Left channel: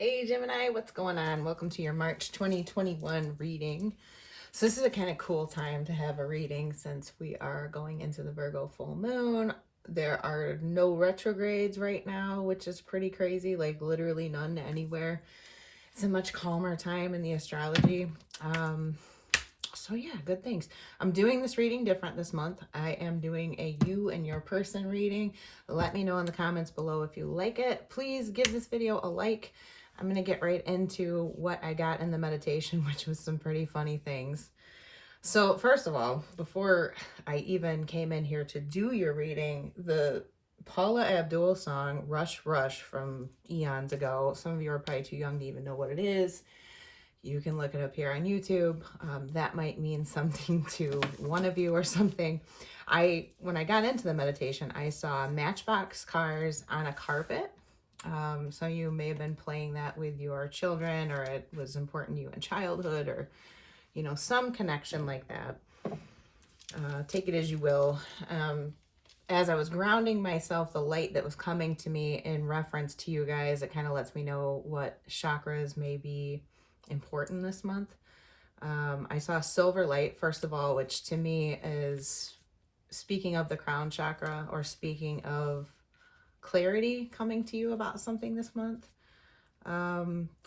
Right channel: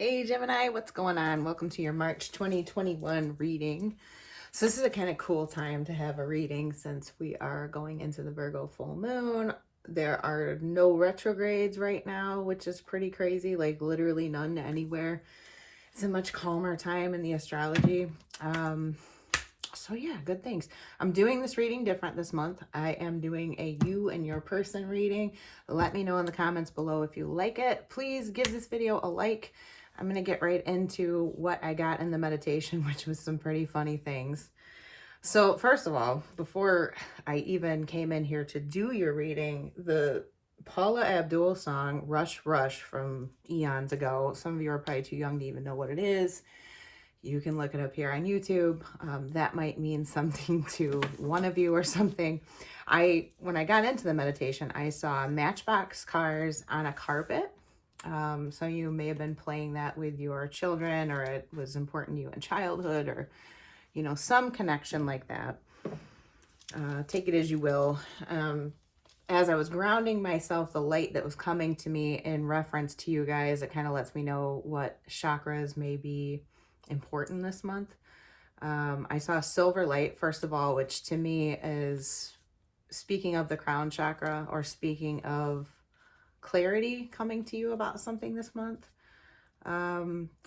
Hey Gemini, what's going on? Welcome to your March 2021 reading. So this is a kind of cool time to have a reading since we are going into the Virgo full moon. There are no retrogrades right now, which is pretty crazy, like literally none anywhere. It's a much calmer time in the astrology. So yeah, good things. I'm doing this reading different this month. I am doing a you and your person reading. Let me know in the comments below if you like it. Please give this video a like. I'm going to get right into what I got in the meditation, which was some pretty funny things. So first of all, before I even came in here to do your reading, the Paula Abdul song, Rush Rush, from eons ago. Some of you are probably too young to even know what it is. You can look it up here on YouTube. That might mean something to one of you or something. When I got into the meditation, I saw Matchbox cars on a carpet. So you may have been playing that with your children, or it was important to you in childhood, or, you know, some connection like that. Take it as you will. As I was grounding myself, the light that was coming to me in reference to you guys, it kind of lets me know what chakras may be important this month. I saw silver light, first of all, which to me is speaking of the crown chakra, or speaking of clarity coming to you about something this month.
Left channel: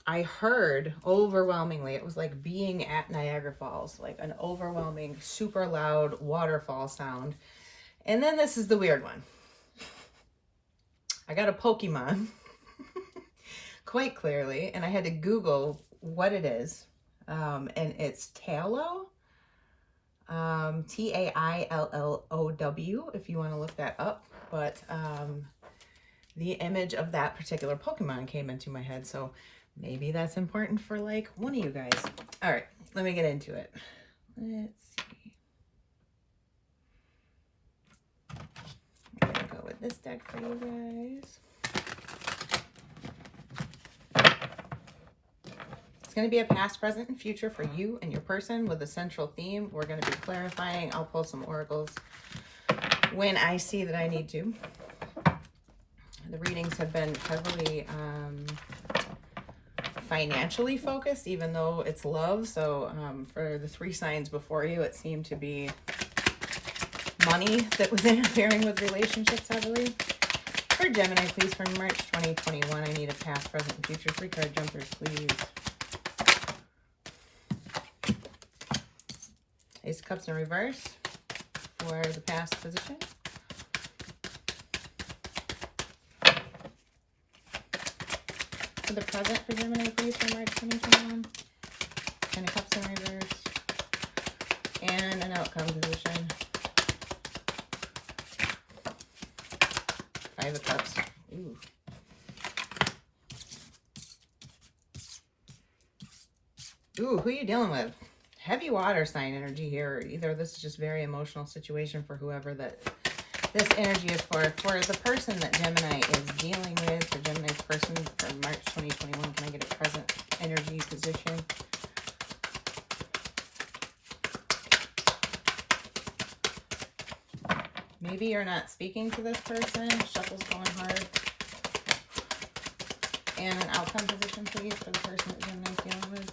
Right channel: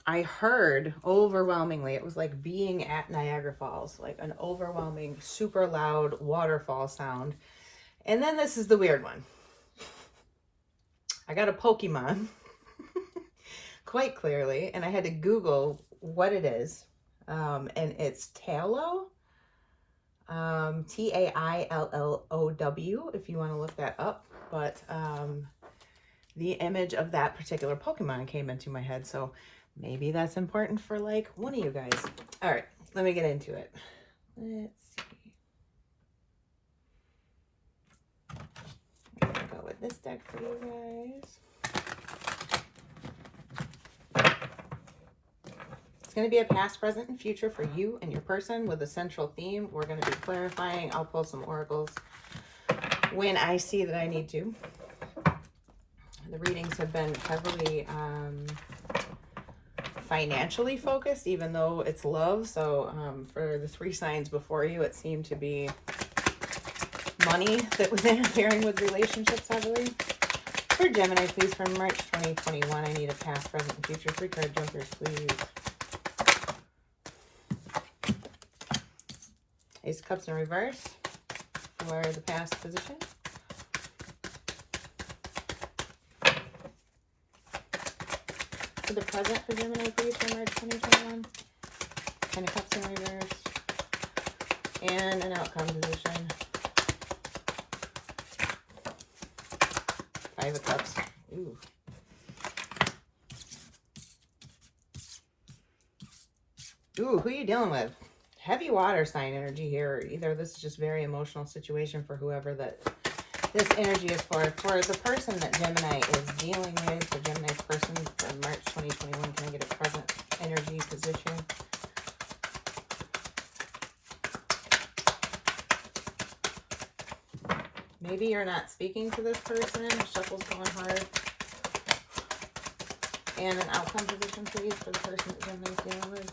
I heard overwhelmingly, it was like being at Niagara Falls, like an overwhelming, super loud waterfall sound. And then this is the weird one. I got a Pokemon quite clearly, and I had to Google what it is. And it's Taillow, Taillow, if you want to look that up. But the image of that particular Pokemon came into my head, so maybe that's important for like one of you guys. All right, let me get into it. Let's see. I'm gonna go with this deck for you guys. It's going to be a past, present, and future for you and your person with a central theme. We're going to be clarifying. I'll pull some oracles when I see that I need to. The readings have been heavily financially focused, even though it's love. So for the 3 signs before you, it seemed to be money that was interfering with relationships heavily. For Gemini, please, for March 2021, I need a past, present, and future. 3 card jumpers, please. Ace of Cups in reverse for the past position. For the present for Gemini, please, for March 2021. 10 of Cups in reverse. And an outcome position. 5 of Cups. Ooh. Ooh, who are you dealing with? Heavy water sign energy here. Either this is just very emotional situation for whoever that this energy is for. For the person that Gemini is dealing with, for Gemini's person for March 2021, can I get a present energy position? Maybe you're not speaking to this person. Shuffle's going hard. And an outcome position, please, for the person that Gemini's dealing with.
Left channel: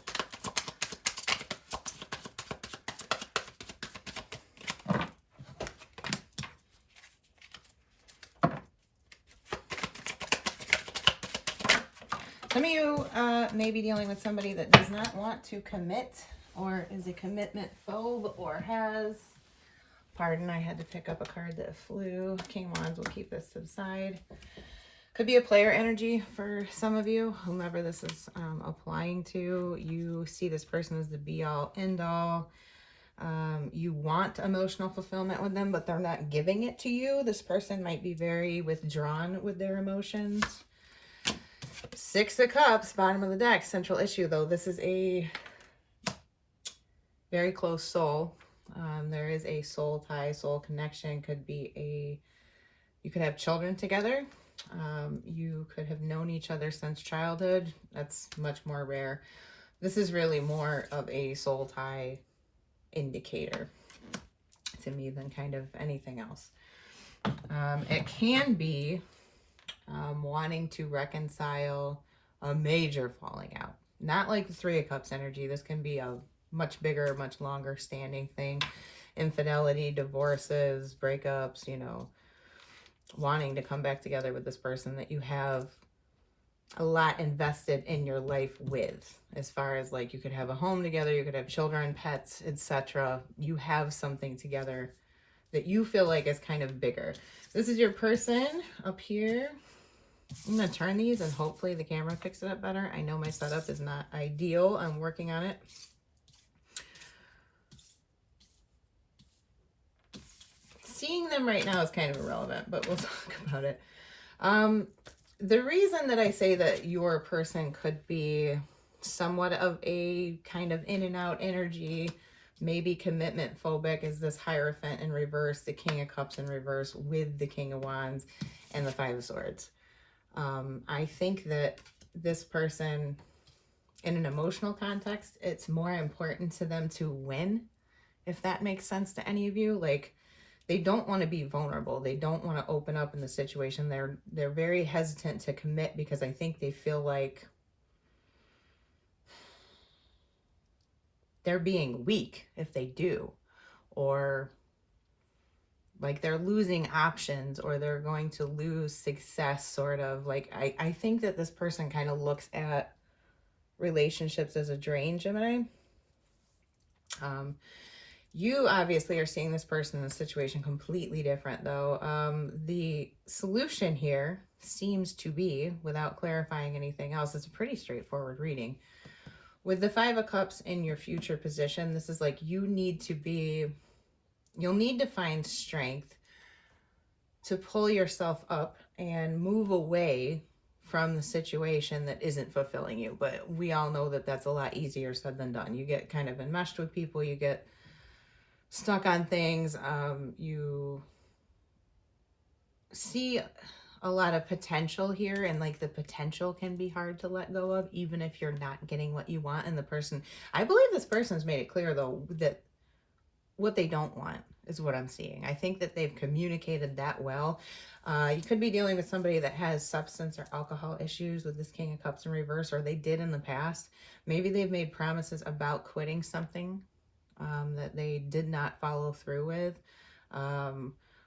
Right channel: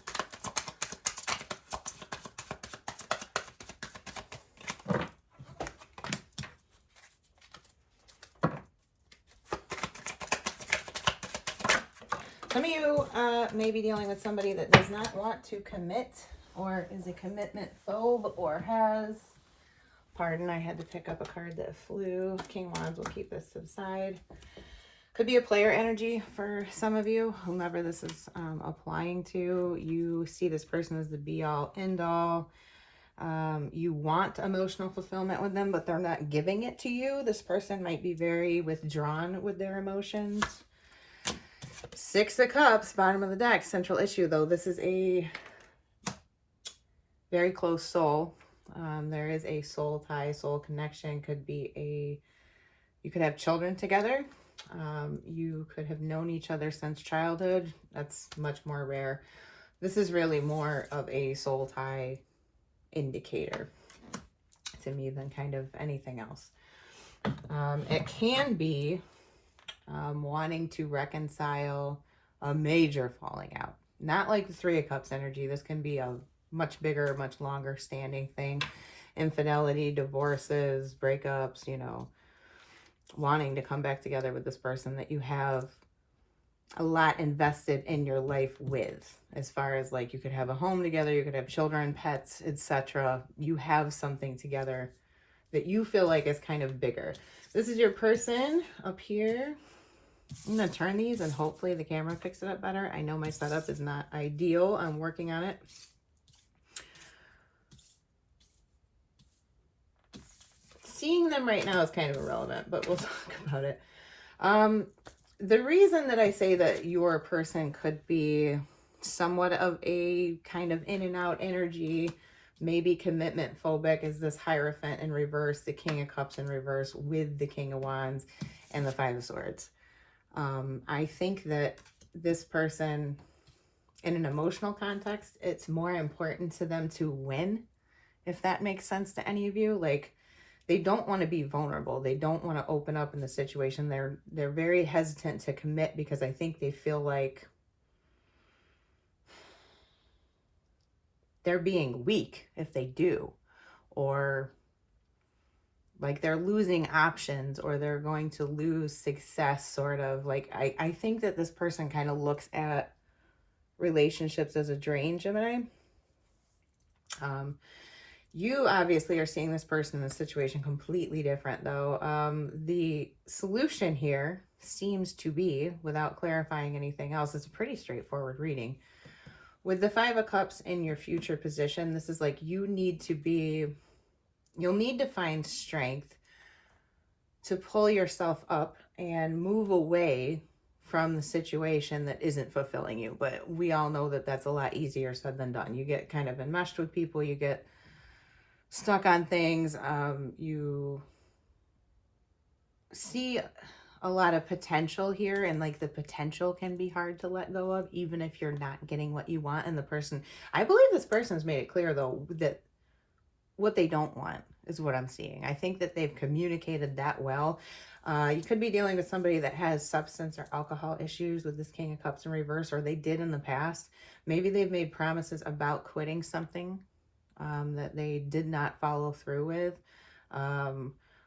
Some of you may be dealing with somebody that does not want to commit, or is a commitment phobe, or has. Pardon, I had to pick up a card that flew. King Wands, will keep this to the side. Could be a player energy for some of you, whomever this is applying to. You see this person as the be-all, end-all. You want emotional fulfillment with them, but they're not giving it to you. This person might be very withdrawn with their emotions. 6 of Cups, bottom of the deck, central issue, though. This is a very close soul. There is a soul tie, soul connection. Could be you could have children together. You could have known each other since childhood. That's much more rare. This is really more of a soul tie indicator to me than kind of anything else. It can be wanting to reconcile a major falling out. Not like the Three of Cups energy. This can be a much bigger, much longer standing thing. Infidelity, divorces, breakups, you know, wanting to come back together with this person that you have a lot invested in your life with, as far as like you could have a home together, you could have children, pets, etc. You have something together that you feel like is kind of bigger. This is your person up here. I'm going to turn these and hopefully the camera picks it up better. I know my setup is not ideal. I'm working on it. Seeing them right now is kind of irrelevant, but we'll talk about it. The reason that I say that your person could be somewhat of a kind of in and out energy, maybe commitment phobic, is this Hierophant in reverse, the King of Cups in reverse with the King of Wands and the Five of Swords. I think that this person, in an emotional context, it's more important to them to win, if that makes sense to any of you. Like, they don't want to be vulnerable. They don't want to open up in the situation. They're very hesitant to commit because I think they feel like they're being weak if they do, or like they're losing options, or they're going to lose success, sort of. Like, I think that this person kind of looks at relationships as a drain, Gemini. You obviously are seeing this person in a situation completely different, though. The solution here seems to be, without clarifying anything else, it's a pretty straightforward reading. With the Five of Cups in your future position, this is like you'll need to find strength to pull yourself up and move away from the situation that isn't fulfilling you. But we all know that that's a lot easier said than done. You get kind of enmeshed with people, you get stuck on things, you see a lot of potential here, and like the potential can be hard to let go of, even if you're not getting what you want. And the person, I believe this person's made it clear though that what they don't want is what I'm seeing. I think that they've communicated that well. You could be dealing with somebody that has substance or alcohol issues with this King of Cups in reverse, or they did in the past. Maybe they've made promises about quitting something that they did not follow through with.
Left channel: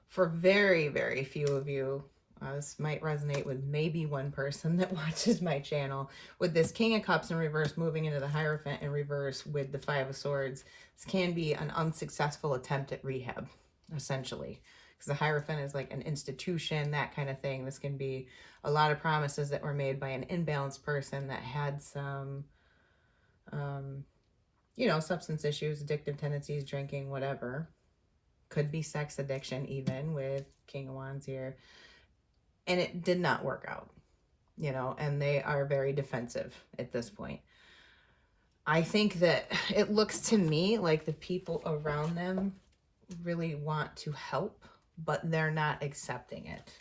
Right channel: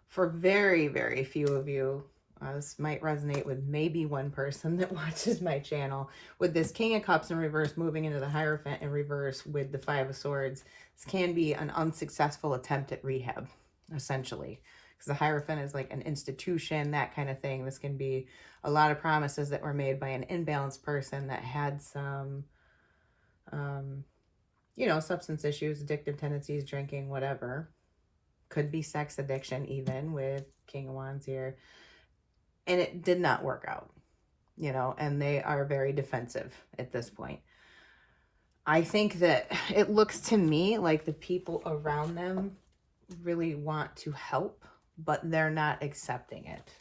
For very, very few of you, this might resonate with maybe one person that watches my channel. With this King of Cups in reverse moving into the Hierophant in reverse with the Five of Swords, this can be an unsuccessful attempt at rehab, essentially. Because the Hierophant is like an institution, that kind of thing. This can be a lot of promises that were made by an imbalanced person that had some you know, substance issues, addictive tendencies, drinking, whatever. Could be sex addiction even with King of Wands here. And it did not work out, you know, and they are very defensive at this point. I think that it looks to me like the people around them really want to help, but they're not accepting it.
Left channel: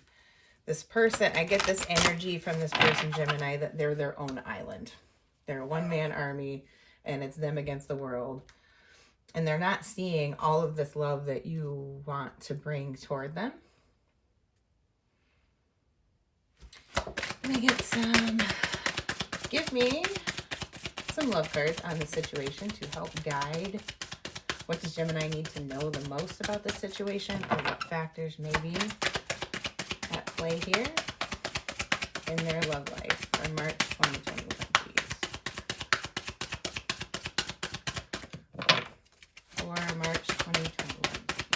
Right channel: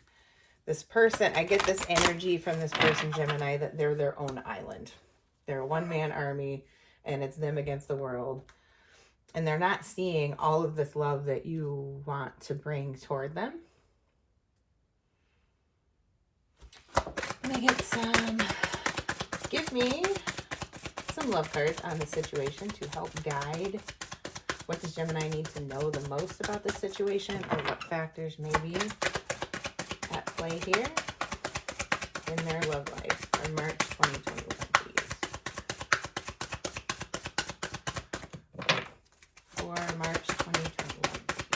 This person, I get this energy from this person, Gemini, that they're their own island. They're a one-man army, and it's them against the world. And they're not seeing all of this love that you want to bring toward them. Let me get some, give me some love cards on the situation to help guide. What does Gemini need to know the most about the situation, or what factors may be at play here in their love life for March 2021, please. For March 2021, please.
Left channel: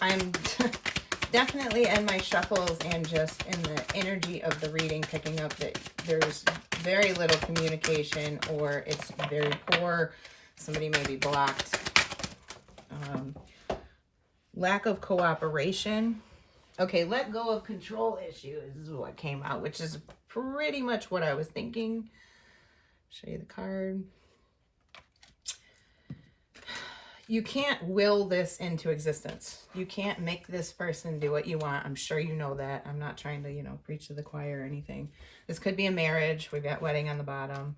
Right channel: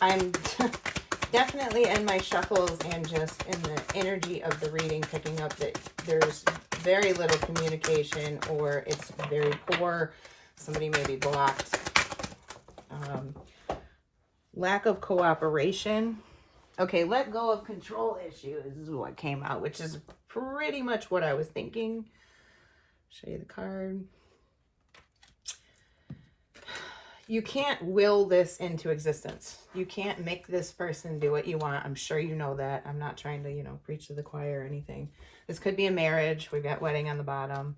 I'm definitely in my shuffles and just in the energy of the reading picking up that there's very little communication, or it's very poor. Somebody may be blocked. Lack of cooperation. Okay, let go of control issues is what came out, which is pretty much what I was thinking. Show you the card. You can't will this into existence. You can't make this person do what you want. I'm sure you know that. I'm not trying to, you know, preach to the choir or anything. This could be a marriage. We've got wedding on the bottom.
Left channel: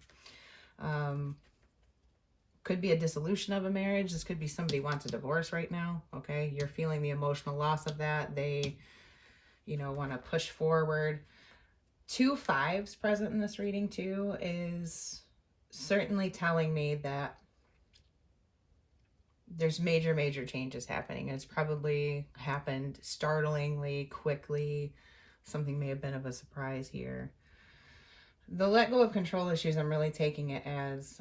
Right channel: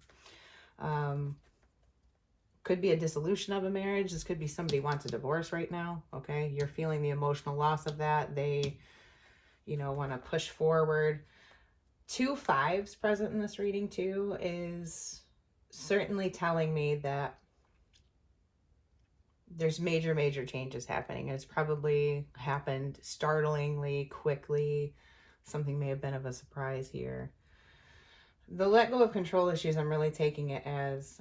Could be a dissolution of a marriage. This could be somebody wants a divorce right now. Okay. You're feeling the emotional loss of that. They, want to push forward. 2 5s present in this reading too is certainly telling me that there's major changes happening. And it's probably happened startlingly, quickly. Something may have been of a surprise here. The let go of control issues, I'm really taking it as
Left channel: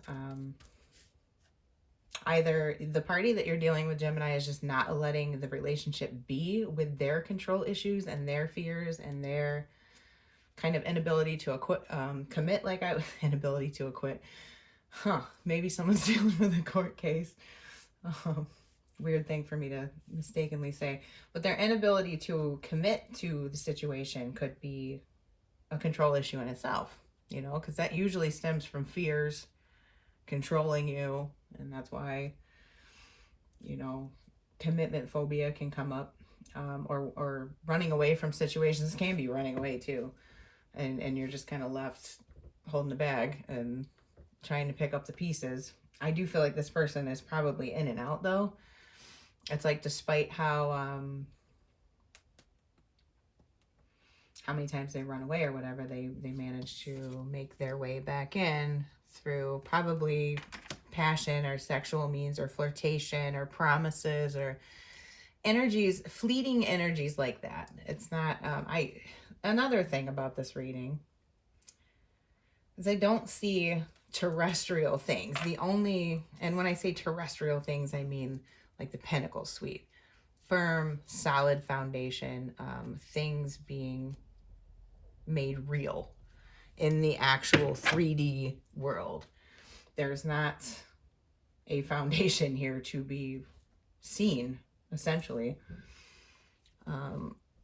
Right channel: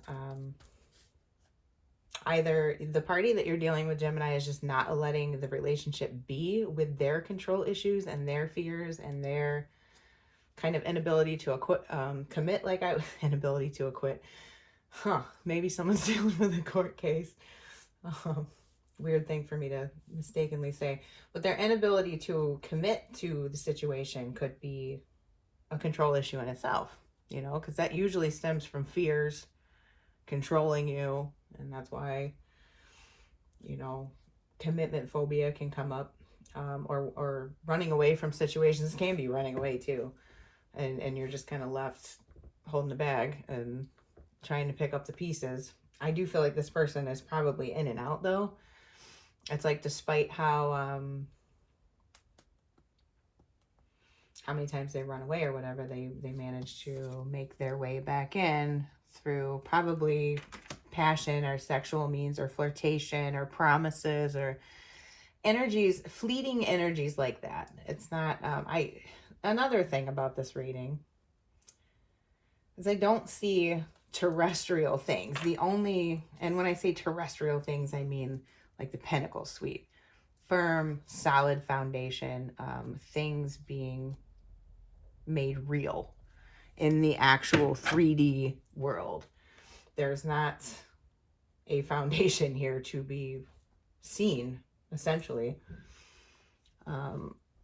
either the party that you're dealing with, Gemini, is just not letting the relationship be with their control issues and their fears and their kind of inability to commit, inability to acquit. Maybe someone's dealing with a court case. Weird thing for me to mistakenly say. But their inability to commit to the situation could be a control issue in itself, because that usually stems from fears controlling you. And that's why, commitment phobia can come up, or running away from situations can be running away too. And you're just kind of left holding the bag and trying to pick up the pieces. I do feel like this person is probably in and out though. It's like, despite how many times they run away or whatever, they manage to make their way back in through probably passion or sexual means or flirtation or promises or energies, fleeting energies like that. It's not, another thing about this reading is I don't see terrestrial things. And when I say terrestrial things, I mean like the Pentacle Suite, firm, solid foundation, things being made real in the actual 3D world. There's not a foundation here to be seen, essentially.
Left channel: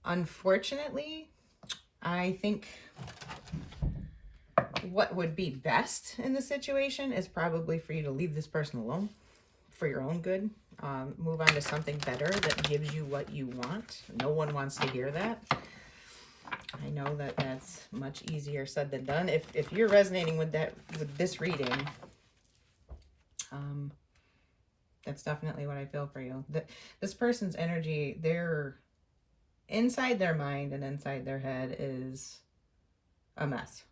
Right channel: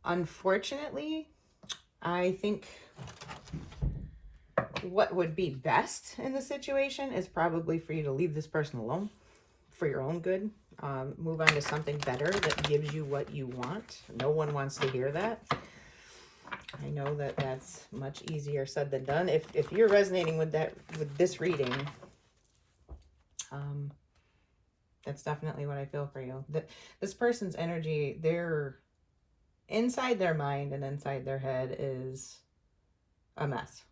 Unfortunately, I think what would be best in the situation is probably for you to leave this person alone for your own good. Move on to something better that gives you what you want. No one wants to hear that. I know that that's much easier said than done. If you're resonating with this reading, that's definitely what I feel for you. This person's energy, they're inside their mind and inside their head is a mess.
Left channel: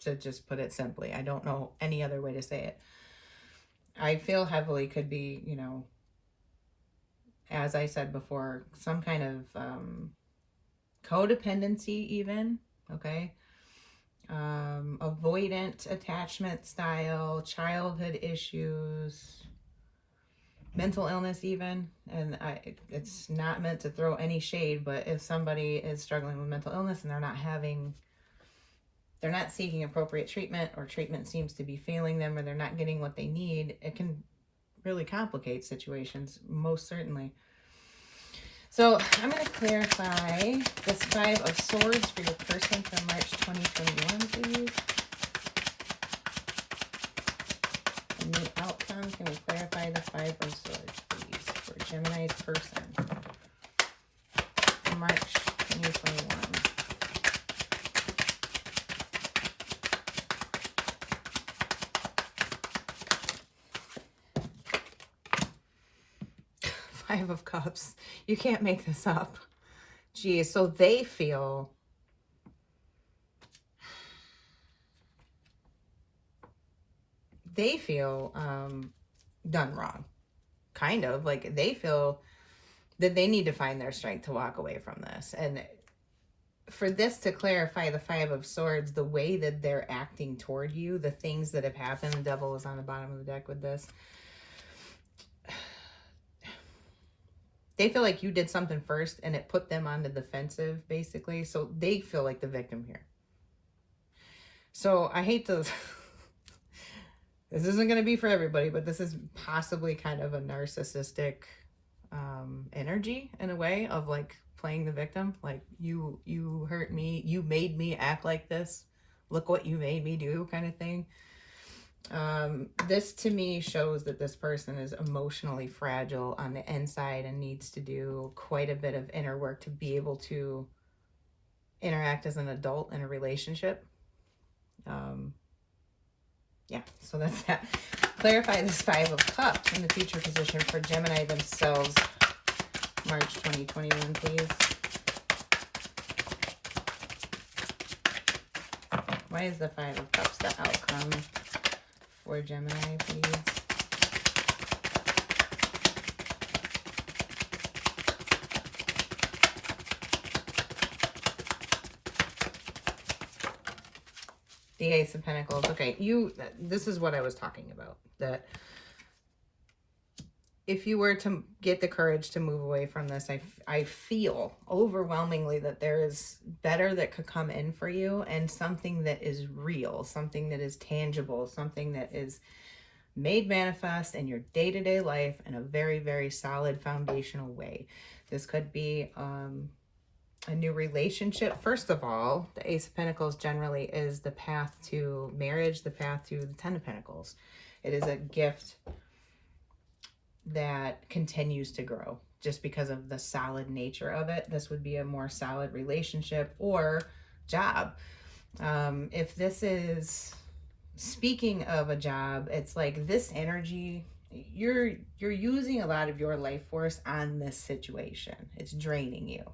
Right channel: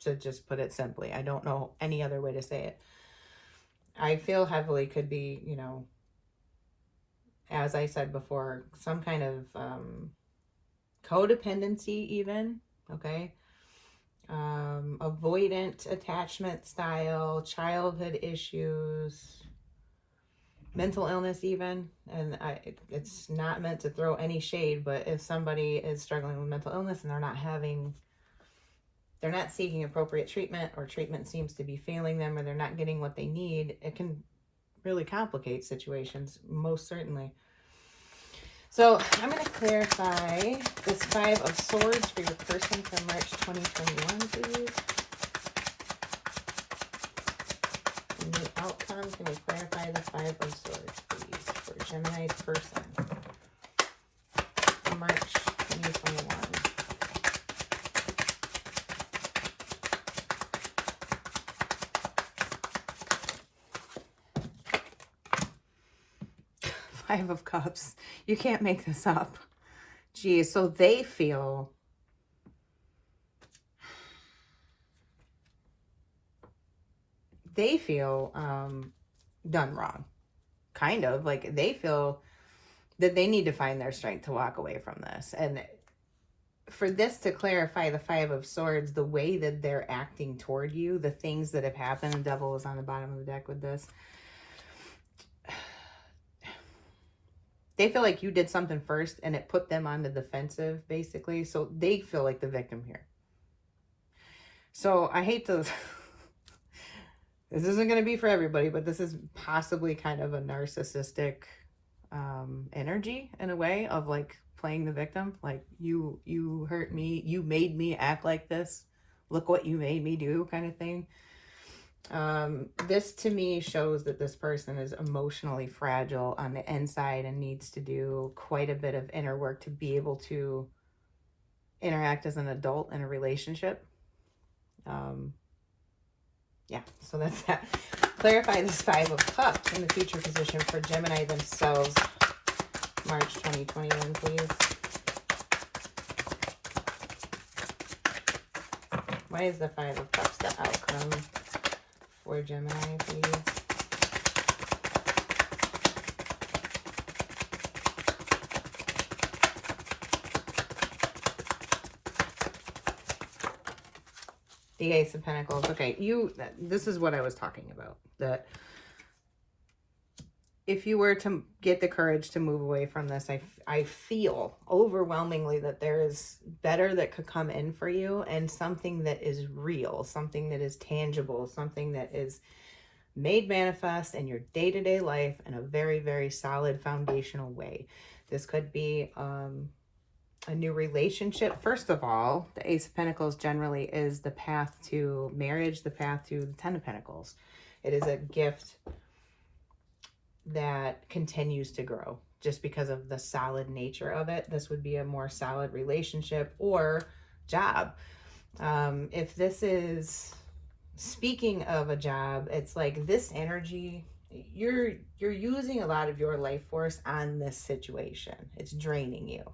To just put it simply, I don't know any other way to say it. I feel heavily could be, as I said before, some kind of codependency even, okay? Avoidant attachment style, childhood issues, mental illness even. And it's not meant to throw any shade, but if somebody is struggling with mental illness and they're not seeking appropriate treatment, or treatment seems to be failing them, or they're not getting what they need, it can really complicate situations, most certainly. So I'm going to clarify this 5 of Swords for your person for March 2021, please. And the outcome, can we clarify the 5 of Swords, please, for Gemini's person for March 2021. 5 of Cups. You can't make this up. Geez, so they feel done wrong. Kind of. Like, they feel that they need to find their strength to walk away from this. And for this to clarify the 5 of Swords, the way that they're acting toward you, the things that have happened, the Devil is on the bottom of the deck with this. They feel like you did something first and it put them on the defensive, basically. So they feel like the victim here. So I hate to... This isn't going to be for everybody, but this is possibly kind of a narcissistic energy in a way of like playing the victim. Like, you hurt me. You made me act like this. Look what you made me do, kind of thing. This to me shows that this person is emotionally fragile on the inside and needs to do quite a bit of inner work to be able to interact as an adult in a relationship. Yeah, so that's that. Clarify this Five of Cups in the future position for Gemini themselves, March 2021, please. Why is the Five of Cups the outcome for Gemini, please? The Ace of Pentacles. Okay, this is what I was talking about. That if you were to get the courage to move away from this, I feel overwhelmingly that there is better that could come in for you, and something that is real, something that is tangible, something that is made manifest in your day-to-day life in a very, very solid foundational way. This could be a new relationship. First of all, the Ace of Pentacles generally is the path to marriage, the path to the Ten of Pentacles. It is a gift that continues to grow just because of the solid nature of it. This would be a more solid relationship or job. If this is, speaking of a job, it's like this energy, you're using a lot of your life force on this situation. It's draining you,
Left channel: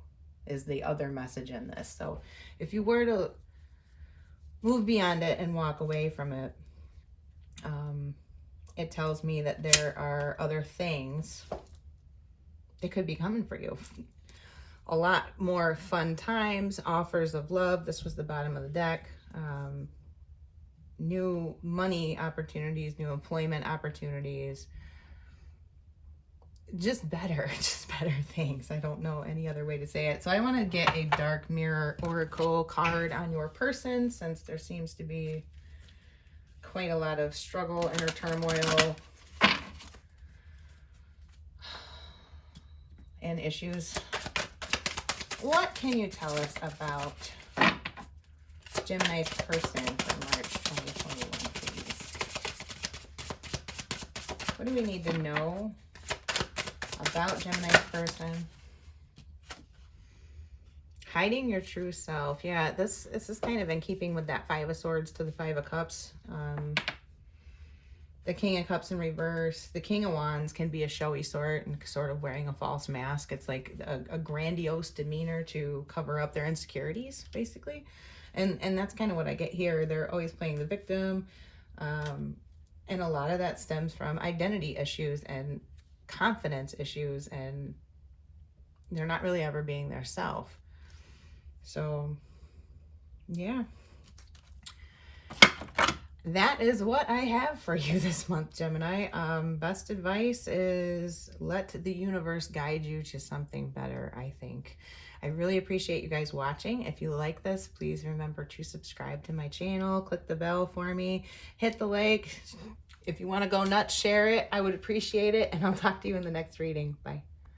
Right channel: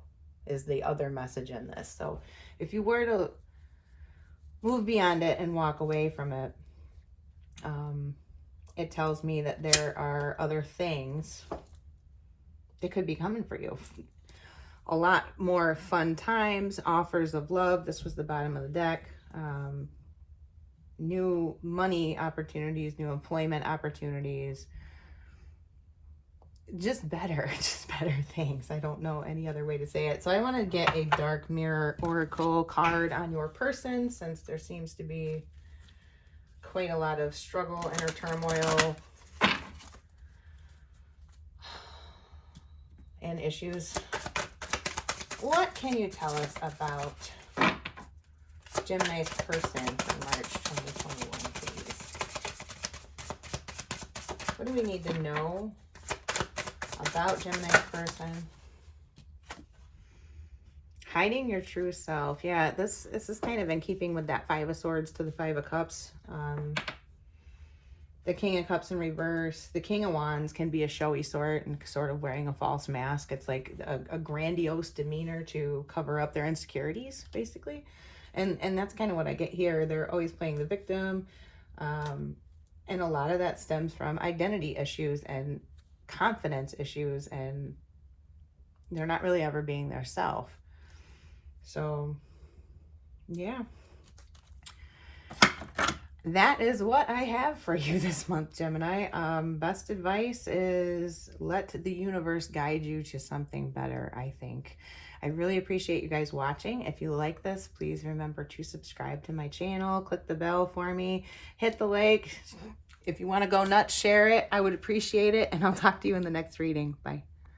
is the other message in this. So if you were to move beyond it and walk away from it, it tells me that there are other things that could be coming for you. A lot more fun times, offers of love. This was the bottom of the deck. New money opportunities, new employment opportunities. Just better things. I don't know any other way to say it. So I want to get a Dark Mirror Oracle card on your person, since there seems to be quite a lot of struggle, inner turmoil, and issues. What can you tell us about Gemini's person for March 2021, please? What do we need to know about Gemini's person? Hiding your true self. Yeah, this is kind of in keeping with that Five of Swords to the Five of Cups. The King of Cups in reverse. The King of Wands can be a showy sort and sort of wearing a false mask. It's like a grandiose demeanor to cover up their insecurities, basically. And that's kind of what I get here. They're always playing the victim. And a lot of that stems from identity issues and confidence issues, and they're not really ever being their self. So, yeah. That is what I have for you this month, Gemini. Best advice is let the universe guide you to something better, I think. I really appreciate you guys watching. If you like this, please remember to subscribe to my channel. Click the bell for me. Hit the like. If you want to go nuts, share it. I would appreciate it. And I'll talk to you in the next reading. Bye.